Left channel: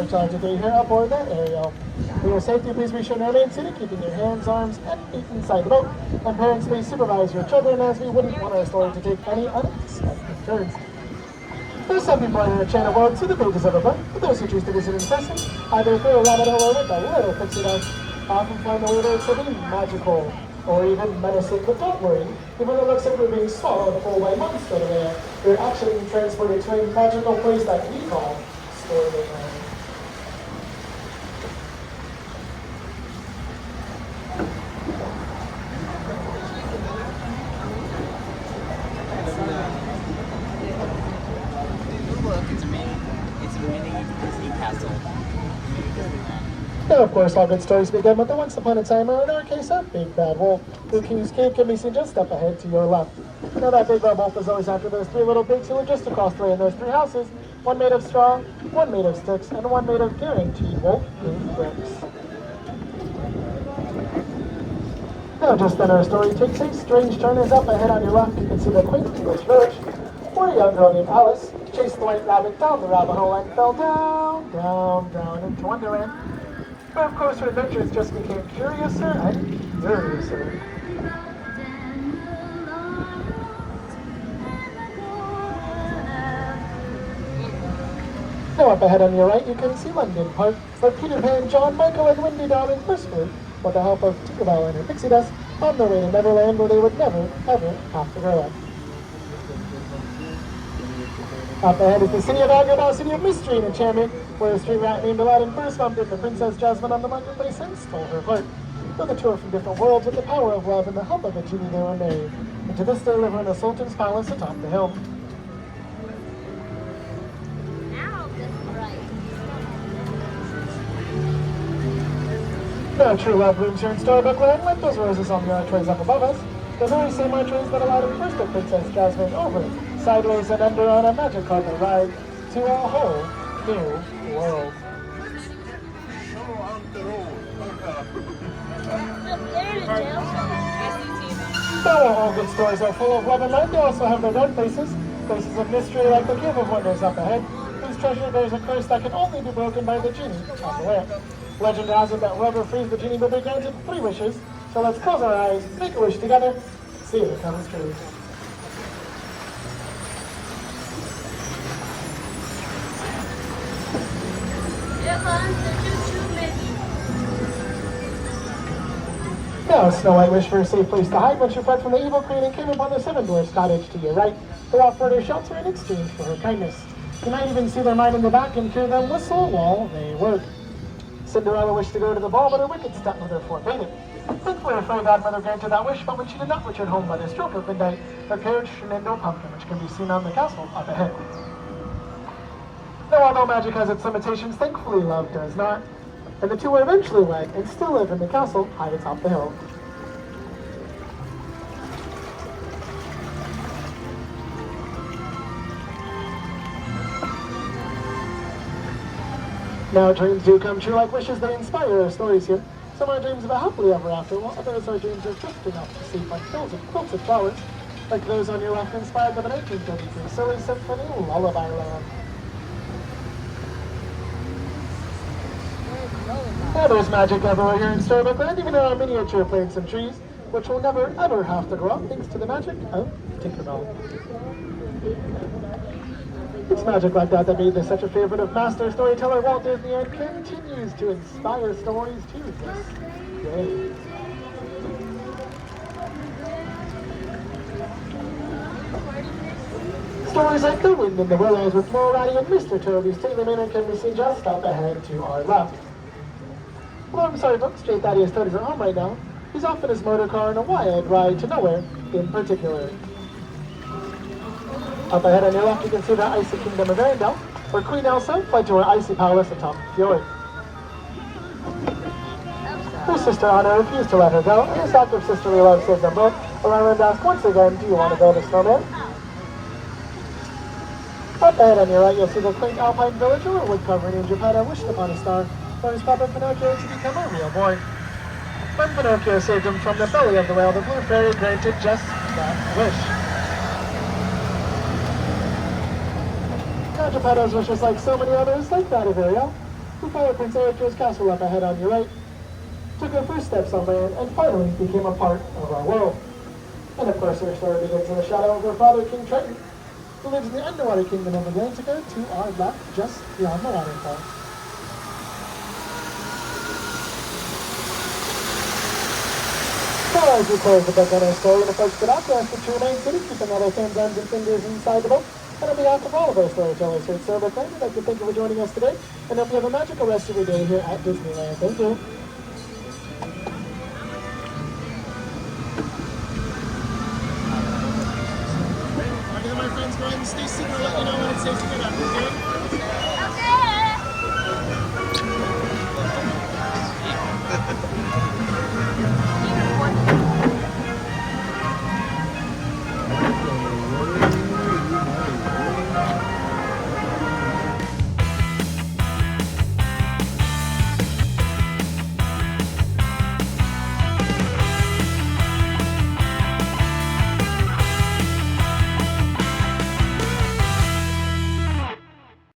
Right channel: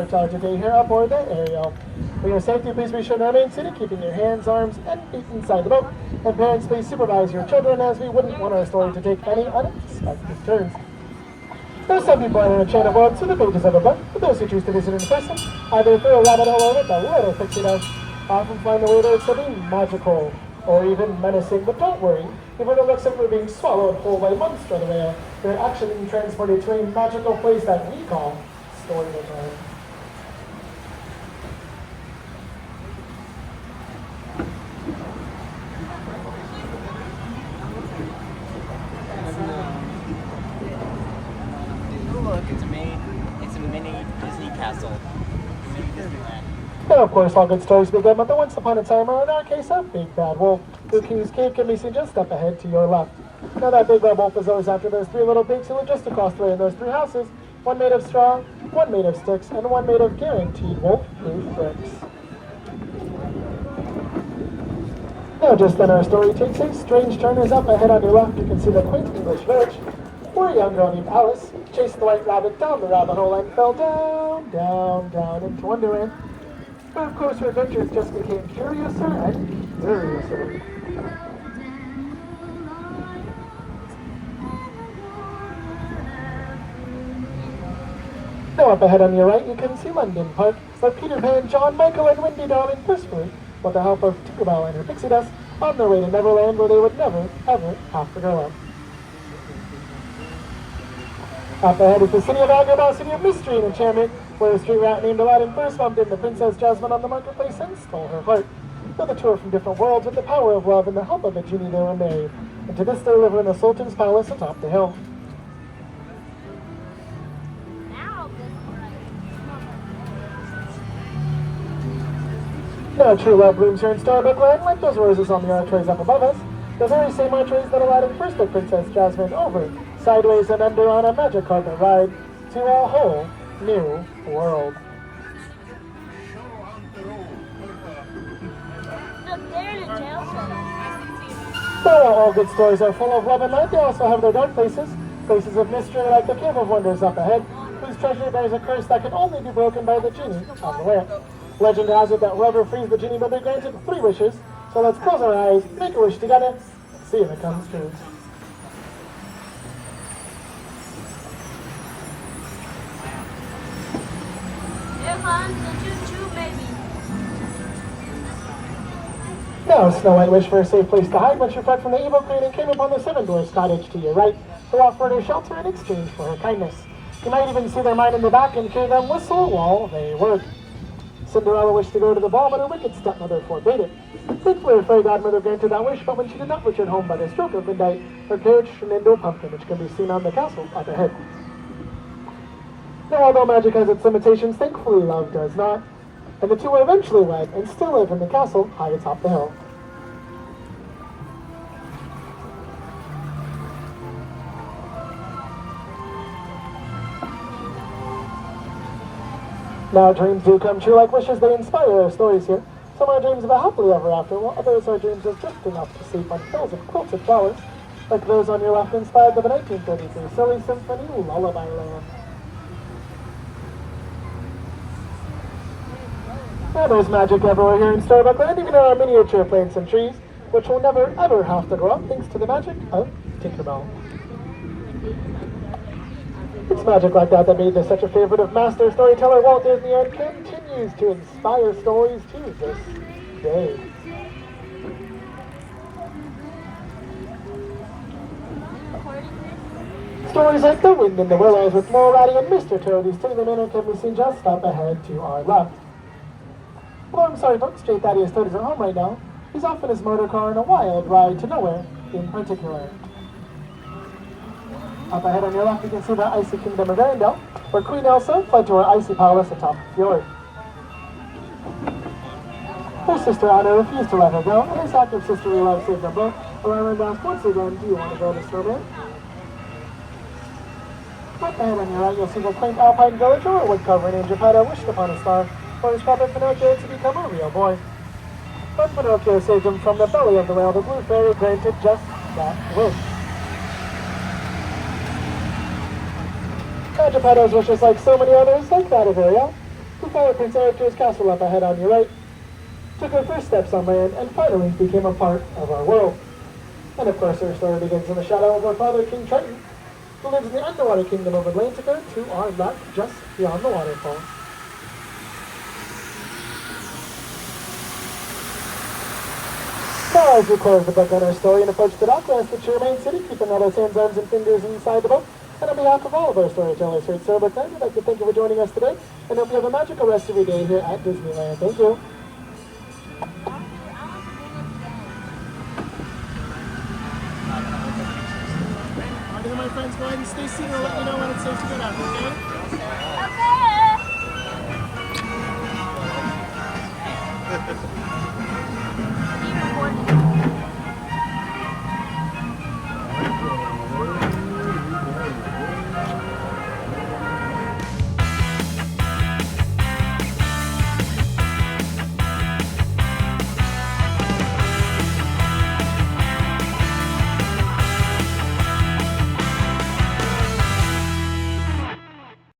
for a charge of day here aboard the Ariel. For your safety, please be sure to remain seated, keeping your hands, arms, and feet inside the boat. And parents, please supervise your children, as we wouldn't want our story to take any unexpected turns. There's some people on our channel board see the pages of a book, but those who choose to visit in person, either through a rabbit hole or with a little pixie dust, often find the readers to be magical, or even menacing. But don't worry, even though it looks like you're being swallowed whole by months over there, they're actually being transported to a magical place that we call Storybook Land. Now, of course, all good stories begin with the once upon a time, or in our case, a big bad wolf, who King's Cave can be seen just up ahead to your left. Now, that big bad wolf is always after those three little pigs who live just across the way in those three houses, one made of straw, one made of sticks, and one made of guaranteed wolf-proof bricks. Now, just then, our story takes a strange turn. As up ahead on your left, you can see the quaint English village, where a young girl named Alice chased the white rabbit down the rabbit hole and fell down, down, down into Wonderland. But of course, her adventures just became curiouser and curiouser. Now up ahead on your right, you can see London Park, where Peter Pan, John, Michael, and Wendy, Dawn, and Christopher, with the help of Tinkerbell and her pixie dust, on their way to Neverland, where they would never, ever have to grow up. Up ahead is the city of Agrabah, city of mystery and enchantment, where a street rat named Aladdin first bumped into Princess Jasmine on the marketplace and stole her heart. With a tour from different worlds with the power of love and the help of a genie, they were married. And to this day, live in the Sultan's palace atop the hill. Now true love blooms here in Storybook Land, like those roses on the archways up above us. The very same archways that Aladdin first took Princess Jasmine over, sideways and under on a magic carpet ride, to a whole new world. Though all good stories are full of love and light, they also have their dark places, places of mystery like the Cave of Wonders up ahead, whose treasure bears a curse that can only be broken by the genie on the lamp. Legend has it that whoever frees the genie will be granted 3 wishes, so let's close our eyes, make a wish together, see if it comes true. Now Snow White wished for a safe place to hide when she fled from the evil queen and came upon the 7 Dwarfs' cottage to your right, who offered her shelter in exchange for her kindness. You might even see their mine in the back and hear them whistle while they work. Cinderella wished to go to the ball, but her wicked stepmother forbade it. Thankfully, her fairy godmother granted that wish, but when she did not return home by the stroke of midnight, her carriage turned into a pumpkin, which can be seen on the castle up ahead. Now, although magic has its limitations, thankfully love does not, and the two were eventually wed and still live in the castle high atop the hill. Now dreams do come true like wishes, they inspire our stories here. Some are dreams of a happily ever after, while others are dreams of drifting off to sleep on hills of quilted flowers, like those on your left inspired by the 1933 Silly Symphony Lullaby Land. Now there's magic everywhere here in Storybook Land, even in our miniature plants and trees, which will never ever have to grow up thanks to the magic of Tinkerbell. It's magic like that that made this such a favorite of master storyteller Walt Disney and continues to inspire stories to this day. Stories like The Wind in the Willows with Mary Ratty and Mr. Toad, whose stately manner can be seen just up ahead to our left. Well, I'm sorry folks, J. Thaddeus Toad is at home right now. He's off in his motor car on a wild ride to nowhere in particular. Up ahead on your left, you can see the icy kingdom of Arendelle, where Queen Elsa fled to her icy palace atop the fjord. Her sister Anna refused to let her go, and this act of sisterly love saved them both. Around asks once again, do you want to build a snowman? Up ahead on your right, you'll see the quaint alpine village where a woodcarver named Geppetto wished upon a star for his puppet Pinocchio to become a real boy. When Pinocchio saved him from the belly of the whale, the blue fairy granted just that wish. Now Geppetto's wish is like so many others, like that of Ariel, who followed Prince Eric to his castle up ahead on your right, took her first steps on land, and finally became a part of our world. And of course, our story begins in the shadow of our father, King Triton, who lives in the underwater kingdom of Atlantica to our left, just beyond the waterfall. So as we close the book on our story and approach the dock, we ask that you remain seated, keeping all our hands, arms, and fingers inside the boat. And on behalf of all of our storytellers here at Storybook, we'd like to thank you for joining us today, and hope you have a magical rest of your day here at Disneyland. Thank you. My friends, go ahead and stay seated and let me know when it's safe to get up, okay? Okay.